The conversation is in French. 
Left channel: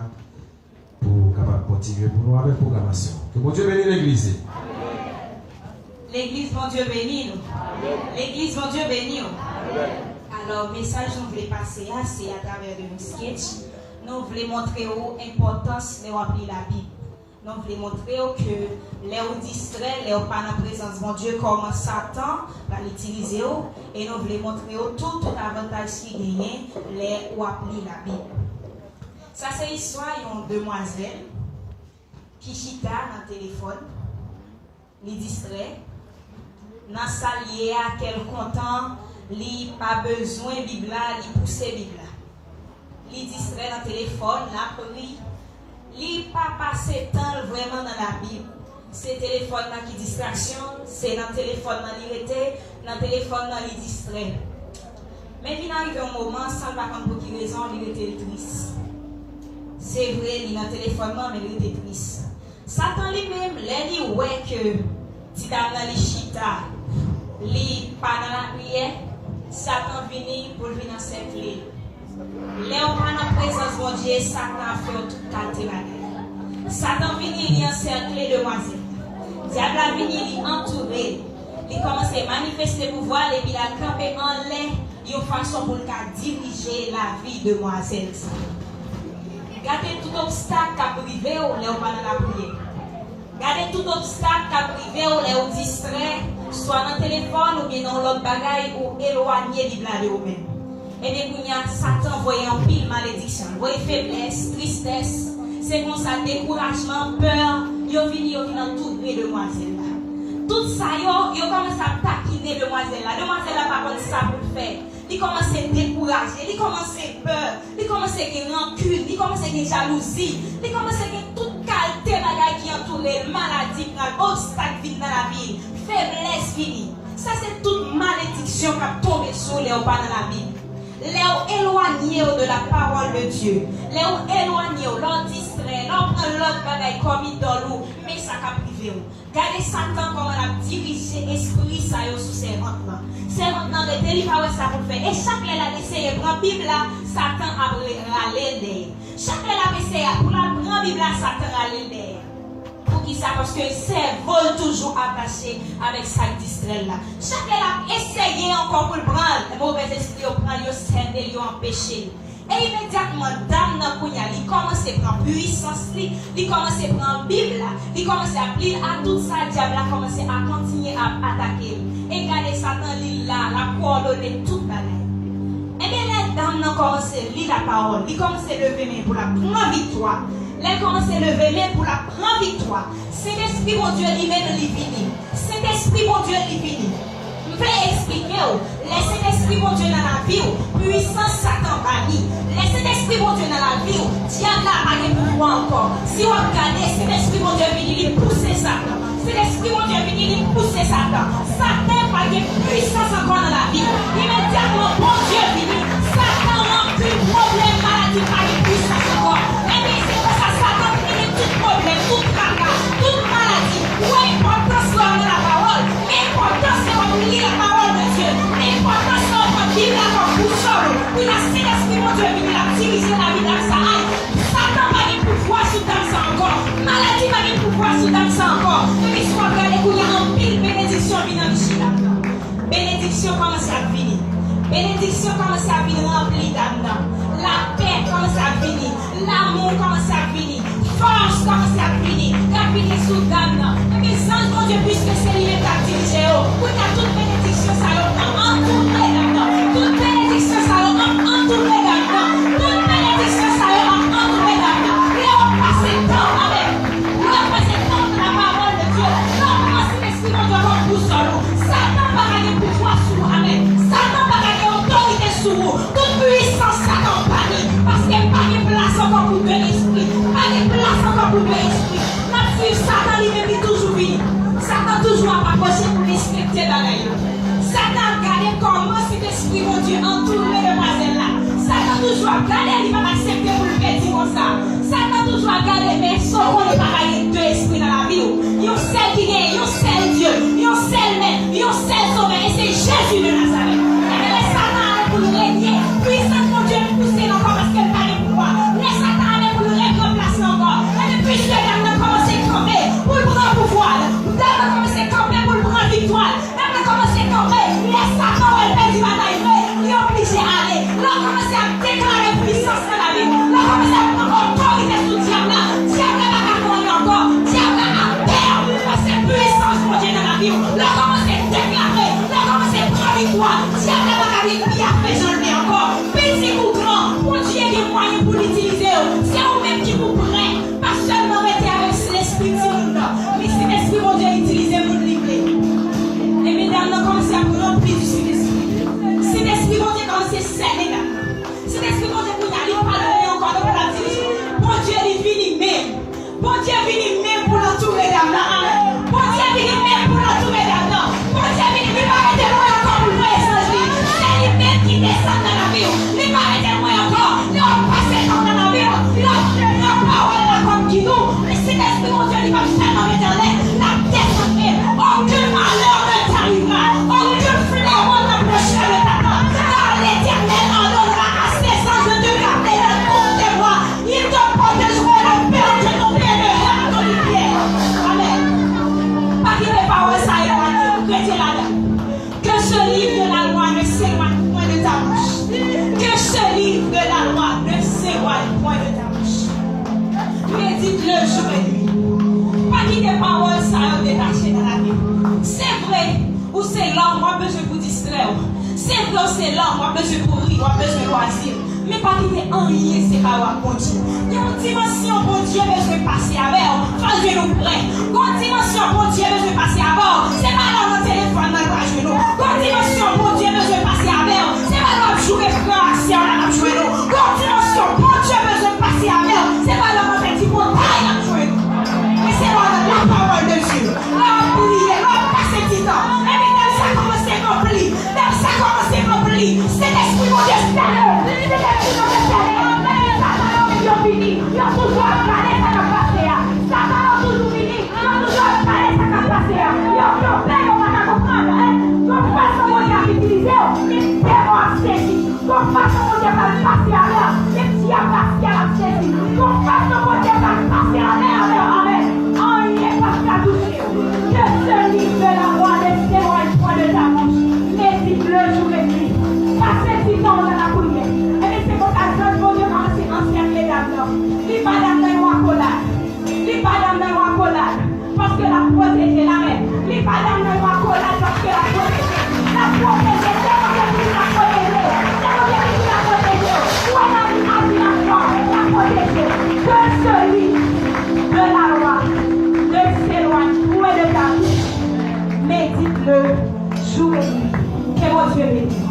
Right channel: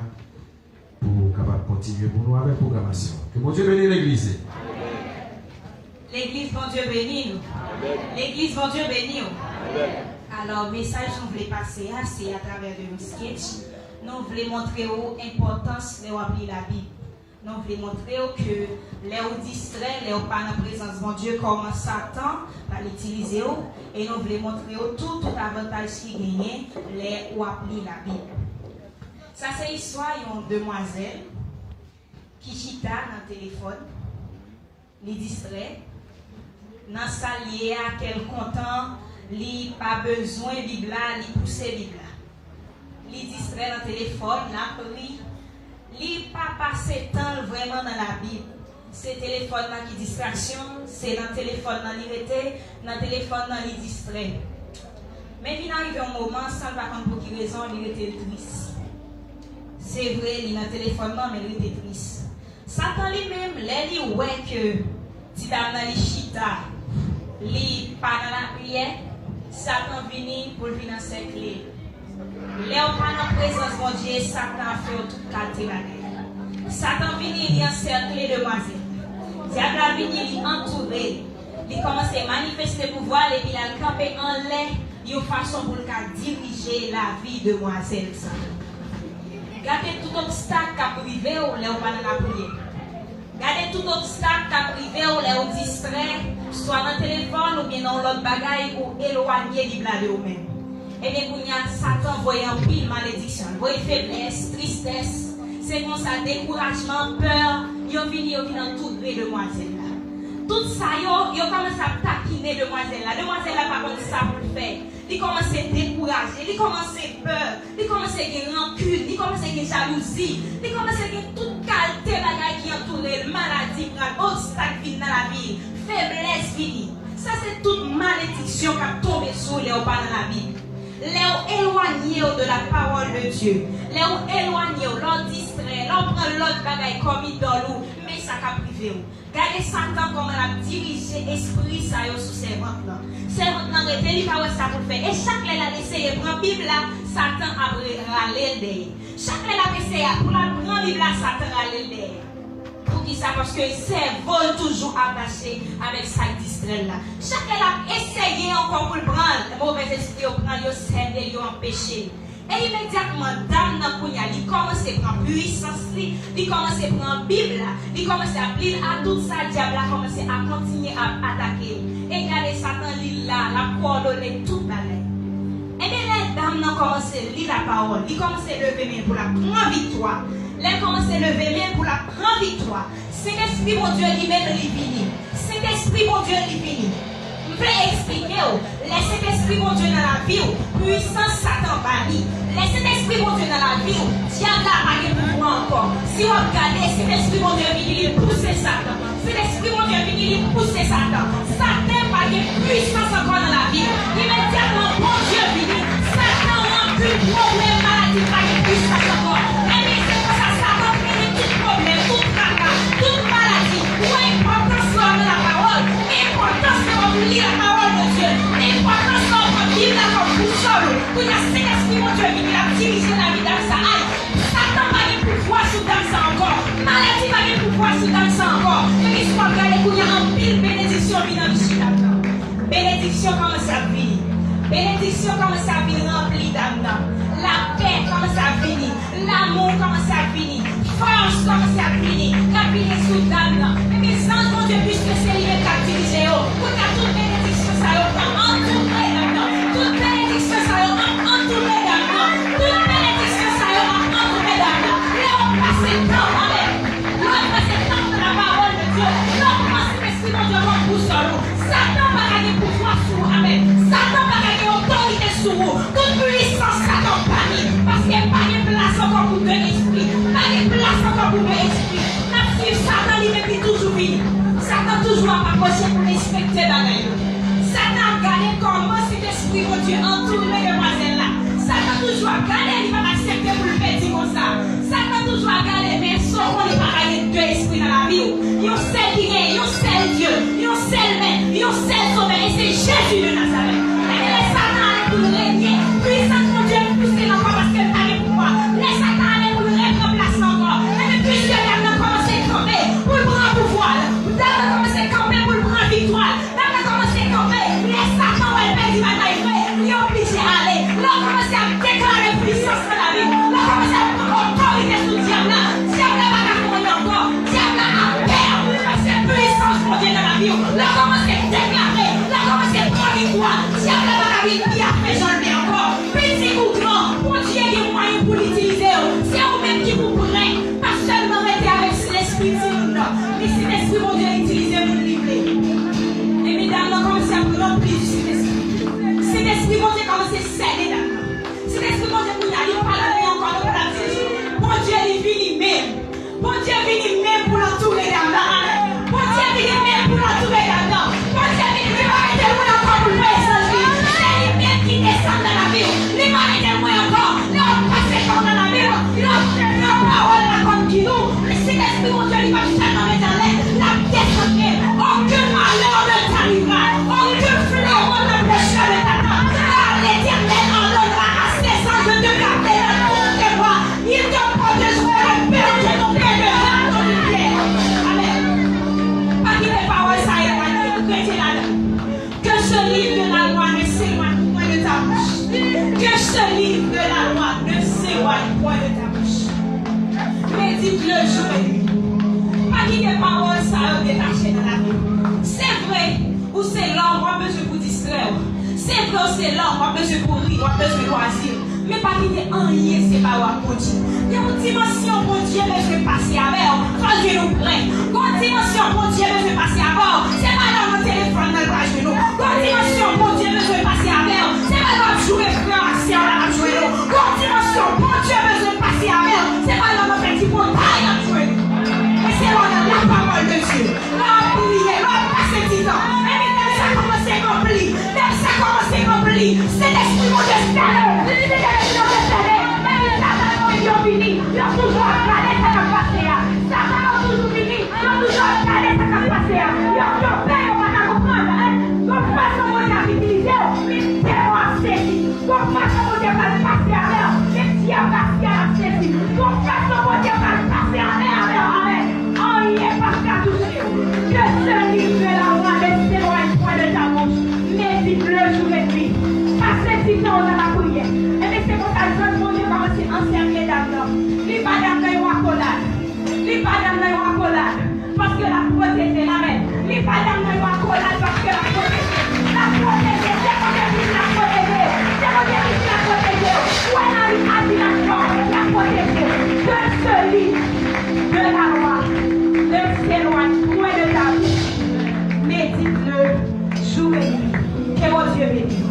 là pour capable continuer pour nous avec la programmation. Que mon Dieu bénisse l'église. L'église, mon Dieu bénit nous. L'église, mon Dieu bénit nous. Alors, message nous voulons passer c'est à travers de nos sketchs. Nous voulons montrer l'importance de appeler la Bible. Nous voulons montrer que les distraits, les pas dans la présence de mon Dieu, comment Satan va l'utiliser. Et nous voulons montrer tout avantage qui gagne, les ou appeler la Bible. Ça, c'est l'histoire d'une demoiselle qui chita dans le téléphone, les distrait, dans sa liée à quel content, li pas besoin de Bible, li pousser Bible. Li distrait dans le téléphone, là, li pas passer temps vraiment dans la Bible. C'est le téléphone qui distraction, c'est dans le téléphone qui était, dans le téléphone qui distrait. Mais il arrive un moment, sans pas comprendre pour quelle raison, il était triste. C'est vrai, il a un téléphone, mais il était triste. Satan lui-même, il ouais que si dans la chita, il pas dans la prière, Satan vient pour venir encercler. Léon pas dans la présence de mon Dieu, Satan a fait toute qualité la Satan vient, il encercler les demoiselles. Diable a venu, il entourer. Il commence à manifester le pouvoir et il a campé en l'air, une façon pour diriger la vie de demoiselle. Gardez tout obstacle qui a privé ou les pas dans la prière. Gardez tout obstacle qui a privé ou les distrait, soit dans le téléphone ou bien dans l'autre bagaille ou éloigné de vous-même. Et bien, Satan voyait un pile malédiction, voyait faiblesse, tristesse, c'est comme ça, découragement, peur, il vient entourer demoiselle là. Tout ça, il commence à taquiner demoiselle là. Demoiselle là, par contre, ça pour faire. Il commence à décourager, il commence à peur, il commence à avoir rancune, il commence à avoir jalousie, il commence à avoir toute qualité bagaille qui entoure, maladie, obstacle dans la vie, faiblesse finie. Ça, c'est toute malédiction qui a tombé sur les pas dans la Bible. Les éloignés de la parole de Dieu, les éloignés, l'on distrait, l'on prend l'autre bagaille comme idole, mais ça a privé. Regardez Satan comment il a dirigé l'esprit ça sur ses maintenant. C'est maintenant que il pas ça pour faire. Et chaque fois qu'il a essayé de prendre la Bible, Satan a râlé derrière. Chaque fois qu'il a essayé pour la prendre la Bible, Satan a râlé derrière. Pour qui ça? Parce que c'est vol toujours attaché avec sa distrait là. Chaque fois qu'il a essayé encore pour le prendre, le mauvais esprit au prendre, il s'est et il empêché. Et immédiatement, dame Nakounia, il commence à prendre puissance, il commence à prendre la Bible, il commence à appeler à tout ça, le diable a commencé à continuer à attaquer. Et regardez Satan, il là, la coordonner toute la main. Et bien, les dames ont commencé à lire la parole, ils commencent à lever main pour la prendre victoire. Les commencent à lever main pour la prendre victoire. C'est l'esprit, mon Dieu, lui-même, il vient. C'est l'esprit, mon Dieu, il vient. Je vais expliquer, laissez l'esprit, mon Dieu, dans la vie, puissance Satan banni. Laissez l'esprit, mon Dieu, dans la vie, diable a pas de pouvoir encore. Si vous regardez, c'est l'esprit, mon Dieu, il pousser Satan. C'est l'esprit, mon Dieu, il pousser Satan. Satan n'a pas de puissance encore dans la vie. Immédiatement, mon Dieu, vient. Satan n'a plus de problème, maladie, pas de puissance encore. Et c'est pour ça, Satan finit tout problème, tout tracas, toute maladie. Ou important, c'est de la parole. Mais important, c'est de lire la parole de Dieu. L'important, c'est de vivre la comme boussole. Pour la Saint-Esprit, mon Dieu, il a dirigé la vie dans sa aille. Satan va y pouvoir sous dans ça encore. Maladie va y pouvoir sous dans ça encore. Et puis, soit regardez qu'il y a un pile bénédiction dans le chien. Bénédiction commence à venir. Bénédiction commence à venir remplie d'âme. La paix commence à venir. L'amour commence à venir. Force commence à venir. Capiller sous d'âme. Et puis, sans mon Dieu, puisque c'est lui qui a dirigé. Pour que toute bénédiction, ça va entourer d'âme. Toute bénédiction, ça va entourer d'âme. Toute bénédiction, ça va entourer d'âme. Et on passe le temps avec. On passe le temps de la parole de Dieu. On passe l'esprit de Dieu comme boussole. Satan va gagner pouvoir sur vous. Amen. Satan va gagner autorité sur vous. Toute puissance, Satan banni. Parce qu'il n'y a pas de place encore pour le esprit. Pas de place encore pour le esprit. La fille, Satan, il est toujours venu. Satan toujours c'est là, on va besoin de courir, on va besoin de loisir. Mais pas qu'il y ait un lien, c'est pas un bon Dieu. Il y a une dimension, bon Dieu, besoin de passer avec, faisez nous prêts. Une dimension, bon Dieu, besoin de passer avec, c'est pas dans le téléphone, dans le page de nous. Une dimension, bon Dieu, besoin de passer avec, c'est pas dans le jouer, frère, c'est dans le jouer. Une dimension, bon Dieu, besoin de passer avec, c'est pas dans le petit montagne, dans le jouer. Et c'est dans la parole de Dieu. Là, on prie, là, on passe du temps. Et maintenant, ça commence à remplir. Là, ça commence à remplir. C'est l'esprit de Dieu. Médite-le, joue-le. Que mon Dieu bénisse.